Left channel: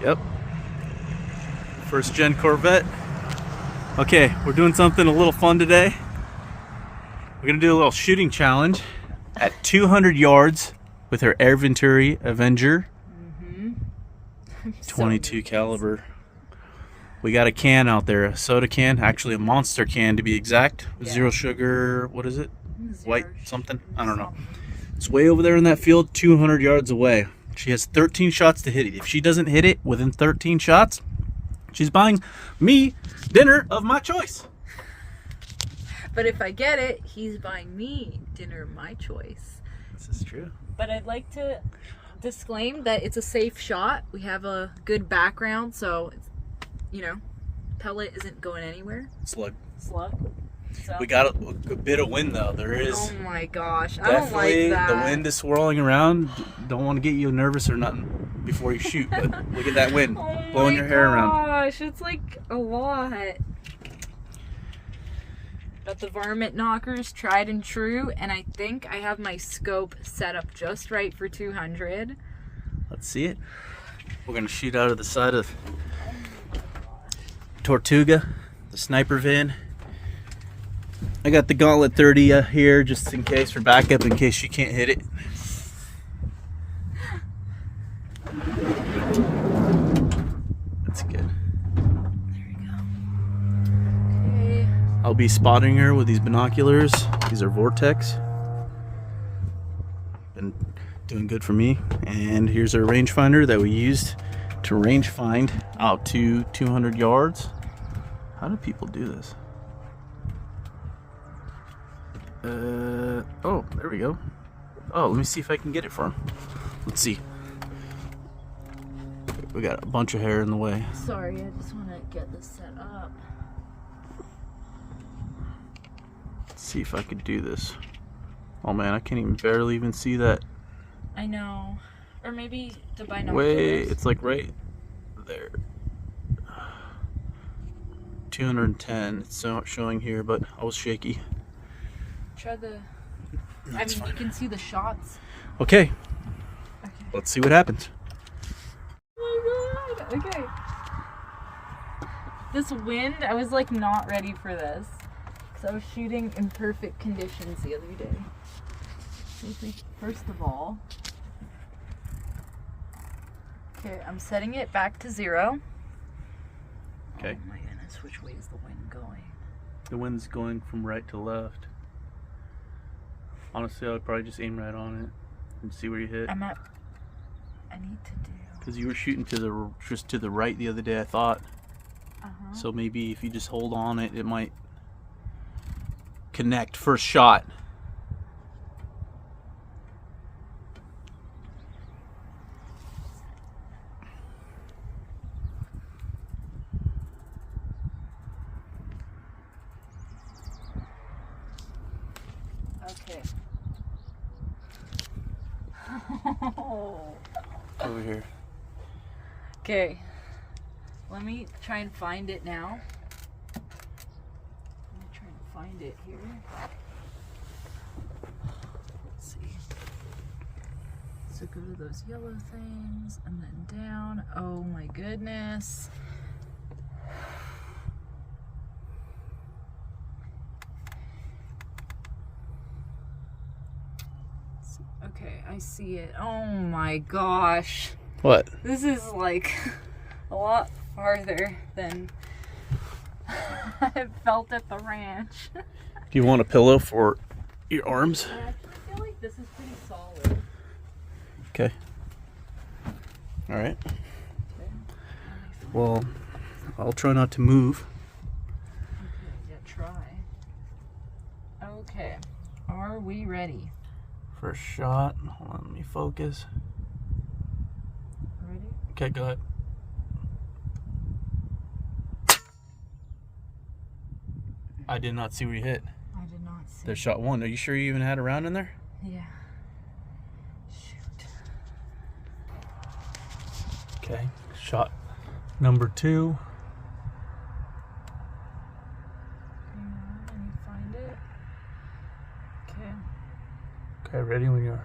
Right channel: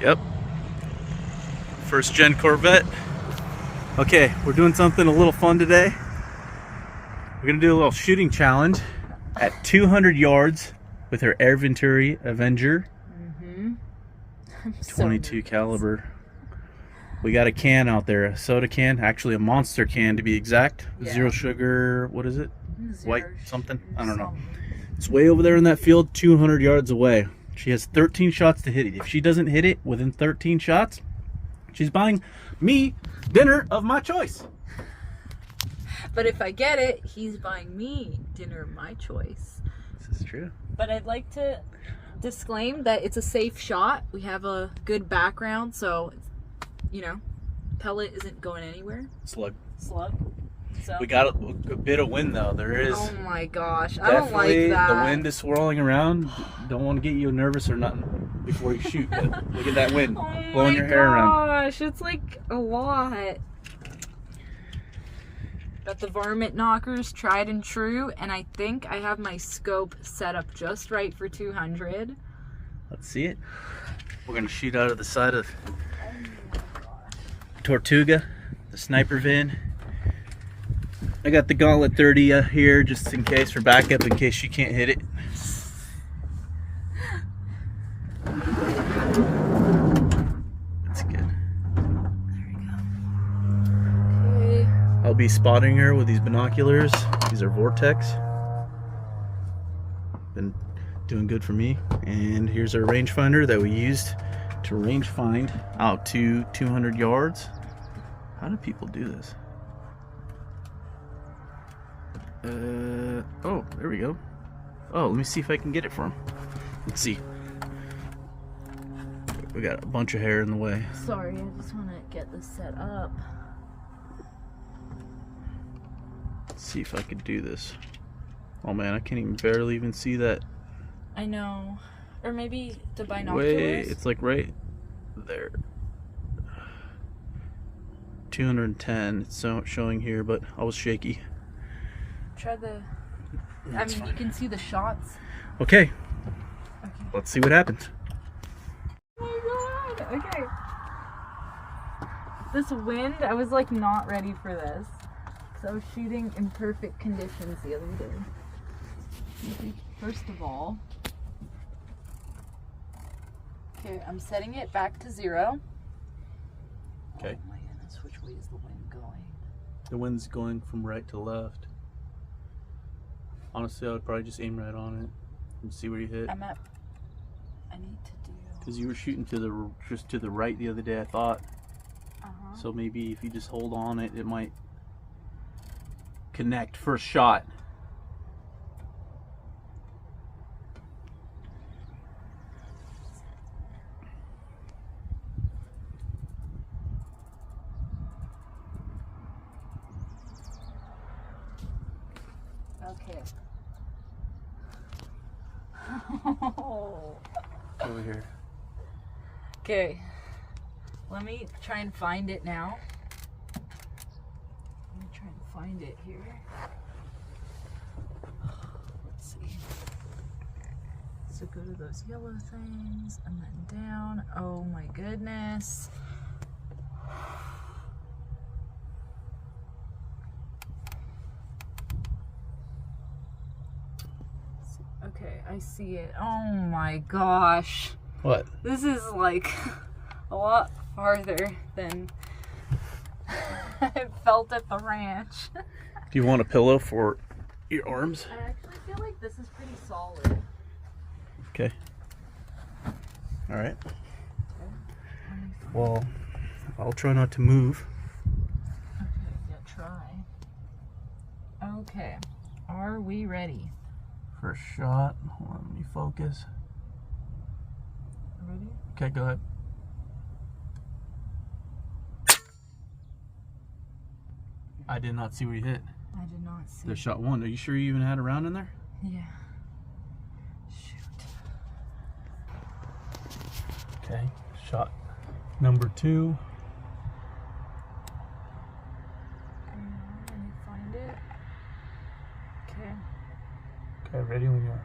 Yep. First gen Corvette. Okay, we're doing something a little fun today. We're gonna do a little shooting challenge at 200 yards with our Air Venturi Avenger 22 caliber. We got a can out there, a soda can, actually a monster can to be exact. Yeah. Zero sugar, what is it? White something? I don't know. It's way over there in that field, 200 yards away. She has 13 shots to hit it. If she doesn't hit it within 13 shots, she's buying me dinner of my choice. But if I get it, he's buying me dinner of my choice. This is true. But I'd like to disclaim that it's a safe shot. We have a good background, so, you know, pellet isn't going anywhere. Slug. So. We got a bit of wind though. There is. Oh my gosh, I don't like that. The wind is swirling around. Don't want to get you nervous or nothing before you shoot, but look at that wind blowing your hair around. Oh my gosh, it's like a lot. Got the varmint knockers tried and true, and I think I have my scope set up just right for 200. Let's see it. We're gonna shoot out of the side of Tortuga, the sniper van. I got the Gauntlet 30 here just in case, for backup, in case she can't hit it. That's good. There we go. Okay. I'll be spotting her with these binoculars. These are Vortex. Been doing good for me. And here's our rangefinder that we used to range find out to 200 yards. How do people do this? Oh, there we go. Oh, let me see if I can get it for him. Let's see. We got a bunch of hair in the way. Sorry, I just want to get this set up. Let's see if I could do this. Oh man, I can't even barely even see that. I know. Or maybe the binoculars. Wait, it's like right there. 210, it's showing here, but I was shaky. Try the... I mean, you can see the shots. Okay. Let's see what happens. Oh my god. Okay. This wind, I was like not ready for this. So I was shooting in perfect conditions the other day. First of all, okay, I'm setting it back to 0. Okay. Oh my goodness, which way is the wind going? The wind's going from right to left. Honestly, I would probably just aim right on it and see where you hit. I need to do... Because you were shooting just to the right the other day, I thought. So maybe if you just hold on it, it might connect first shot. Okay. Over here. Okay. Let me try and find it now. Let me try and find it here. Let's see. So go to those yellow things and then down. Oh my goodness. Okay, I see it. Oh my gosh. What? This is like a lot farther than I felt at the ranch. Do you want a pillow for your arms? I actually feel like this is pretty solid. Okay. All right. Well, I'll try not to move. Okay, yeah, try. Okay, are we ready? First shot. Hold on, let me focus. Ready? Okay, go ahead. I did not see where you hit. I did not see. There's shot 1. Are you sure you even had a round in there? Yeah. Shoot. Okay, shot number 2. Can you find it? Okay. Okay, ready when you are.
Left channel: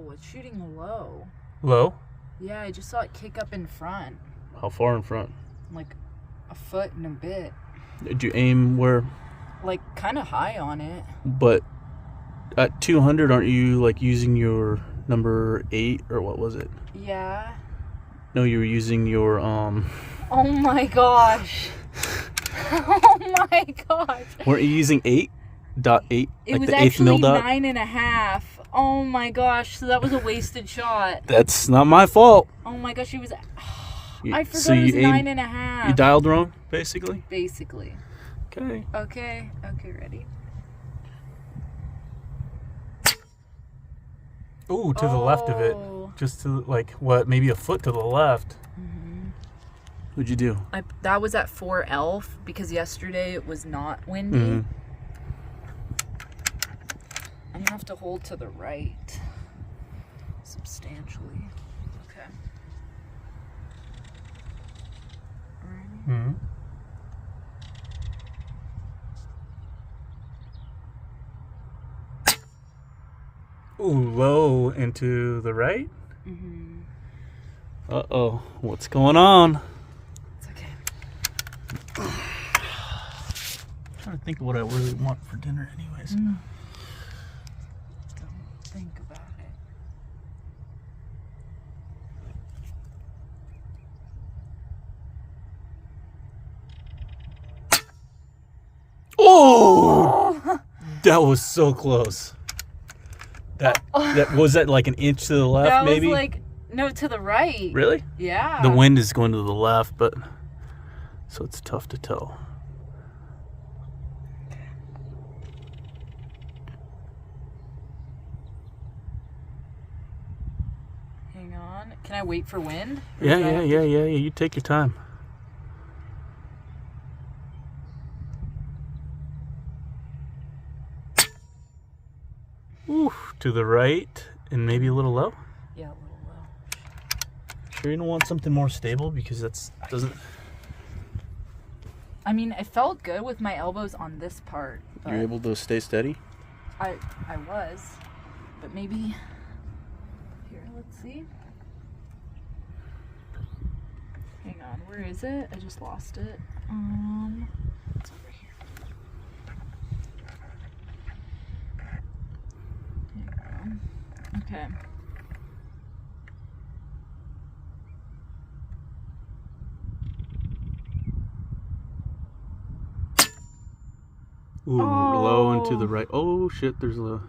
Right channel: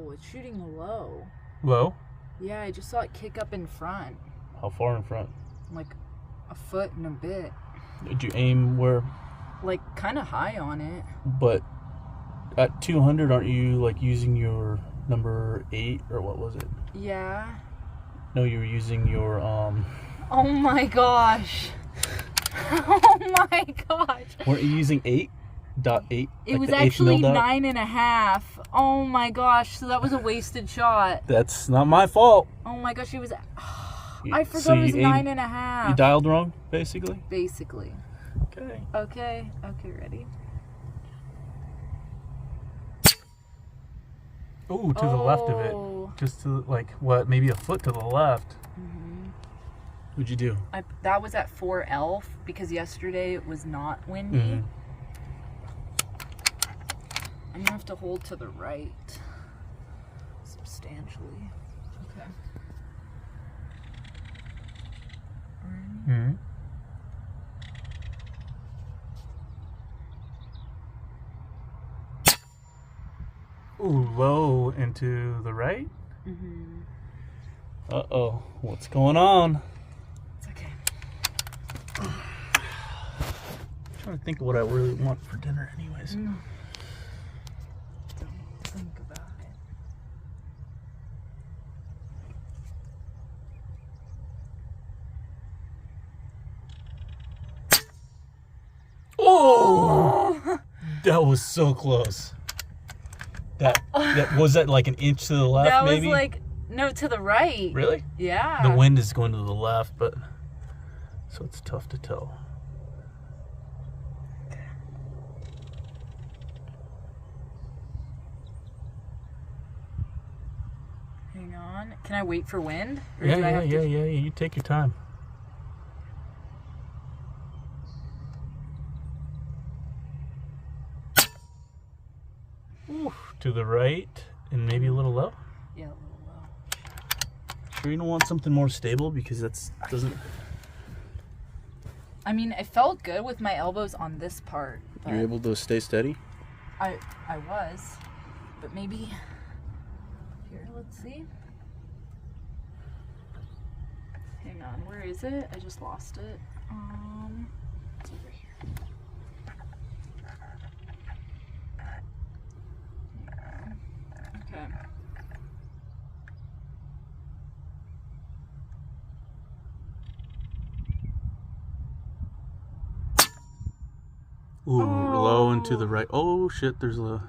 Oh, it's shooting low. Low? Yeah, I just saw it kick up in front. How far in front? Like a foot and a bit. Did you aim where? Like kind of high on it. But at 200, aren't you like using your number 8 or what was it? Yeah. No, you were using your Oh my gosh. Oh my gosh. Weren't you using 8.8? It was actually 9.5. Oh my gosh. So that was a wasted shot. That's not my fault. Oh my gosh. It was. You- I forgot so it was you 9.5. You dialed wrong, basically. Basically. Okay. Okay. Okay. Ready. Ooh, to the left of it. Oh. Just to, like, what, maybe a foot to the left. What'd you do? That was at 4 because yesterday it was not windy. Mhm. I'm gonna have to hold to the right substantially. Okay. Hmm. Ooh, low and to the right. Mm-hmm. Uh-oh. What's going on? It's okay. I'm trying to think of what I really want for dinner anyways. Don't think about it. Oh! That was so close. That was that like an inch to the left, That maybe? was like, no, to the right. Really? Yeah. The wind is going to the left, but so it's tough to tell. Hang on. Can I wait for wind? Or Yeah, do I yeah, have to- yeah, yeah, yeah. You take your time. Ooh, to the right and maybe a little low. Yeah, a little low. Sure you don't want something more stable because that's doesn't. I mean, it felt good with my elbows on this part. But You're able to stay steady. I was, but maybe here. Let's see. Hang on, where is it? I just lost it. It's over here. Okay. Ooh, low and to Oh. the right. Oh shit! There's a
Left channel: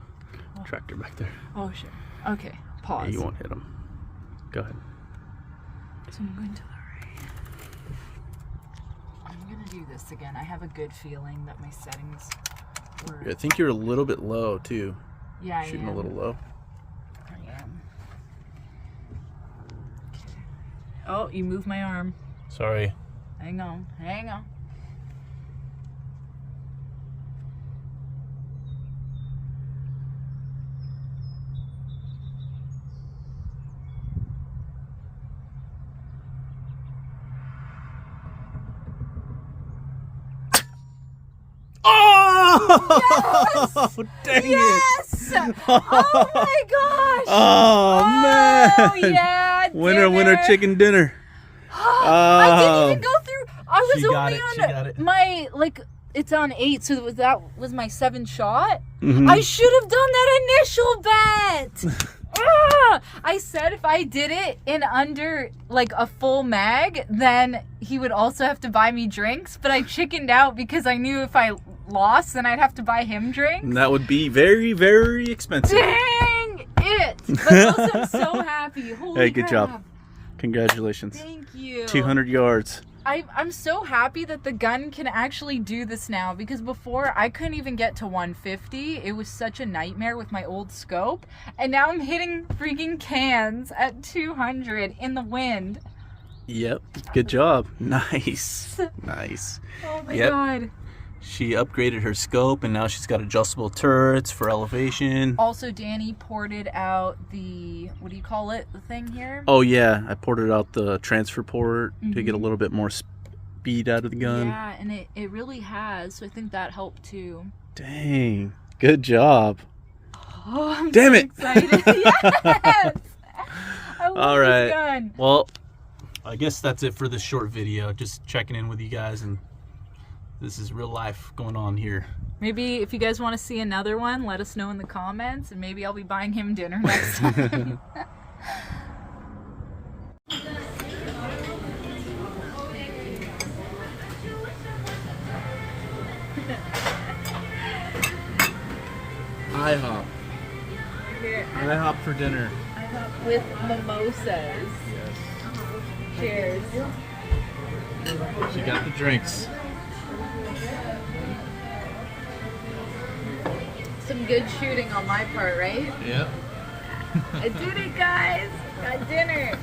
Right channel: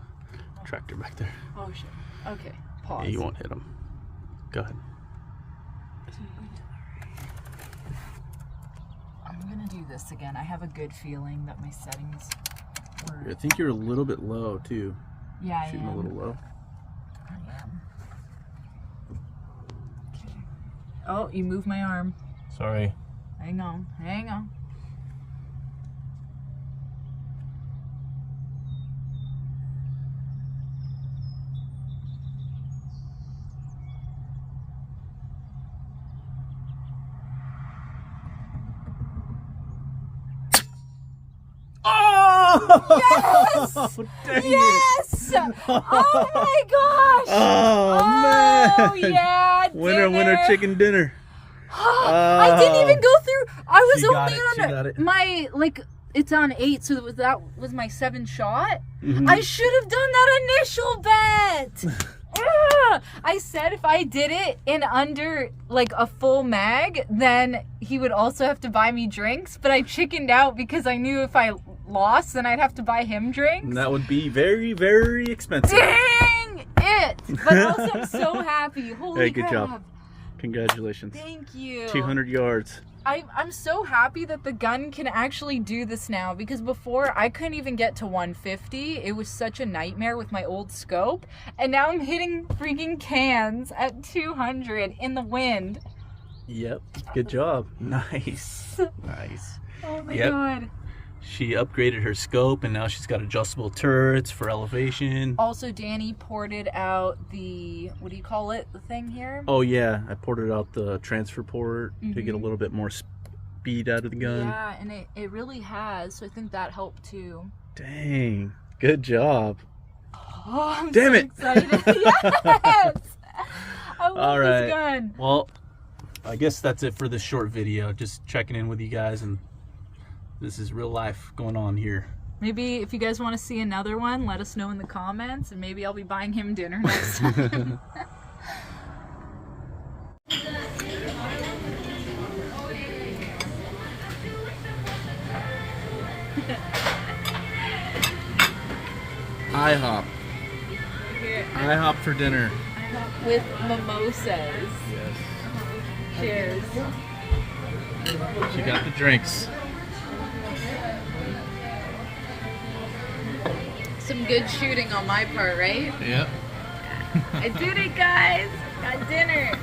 tractor back there. Oh sure. Okay. Pause. Yeah, you won't hit him. Go ahead. So I'm going to the right. I'm gonna do this again. I have a good feeling that my settings were. I think you're a little bit low too. Yeah, Shooting I a am. little low. I am. Okay. Oh, you moved my arm. Sorry. Hang on. Hang on. Oh! Dang Yes! Oh my gosh! Oh man! Oh yeah! Winner, winner, chicken dinner. I didn't even go through. I was She got only it, on she got it. my It's on 8, so that was my 7th shot. Mhm. I should have done that initial bet. I said if I did it in under like a full mag, then he would also have to buy me drinks. But I chickened out because I knew if I lost, then I'd have to buy him drinks. And that would be very, very expensive. Dang it! But also I'm so happy. Holy Hey, good crap. job. Congratulations. Thank you. 200 yards. I'm so happy that the gun can actually do this now, because before I couldn't even get to 150. It was such a nightmare with my old scope, and now I'm hitting freaking cans at 200 in the wind. Yep. Good job. Nice. Nice. Oh my Yep. god. She upgraded her scope and now she's got adjustable turrets for elevation. Also, Danny ported out the, what do you call it, the thing here? Oh yeah, I ported out the transfer port to get a little bit more speed out of the gun. Yeah, and it really has, so I think that helped too. Dang. Good job. Oh, I'm Damn so it. excited. Yes. I love All right. this gun. Well, I guess that's it for this short video. Just checking in with you guys, and this is real life going on here. Maybe if you guys want to see another one, let us know in the comments, and maybe I'll be buying him dinner next time. IHOP. IHOP for dinner. With mimosas. Cheers. She got the drinks. Some good shooting on my part, right? Yep. I did it, guys. Got dinner.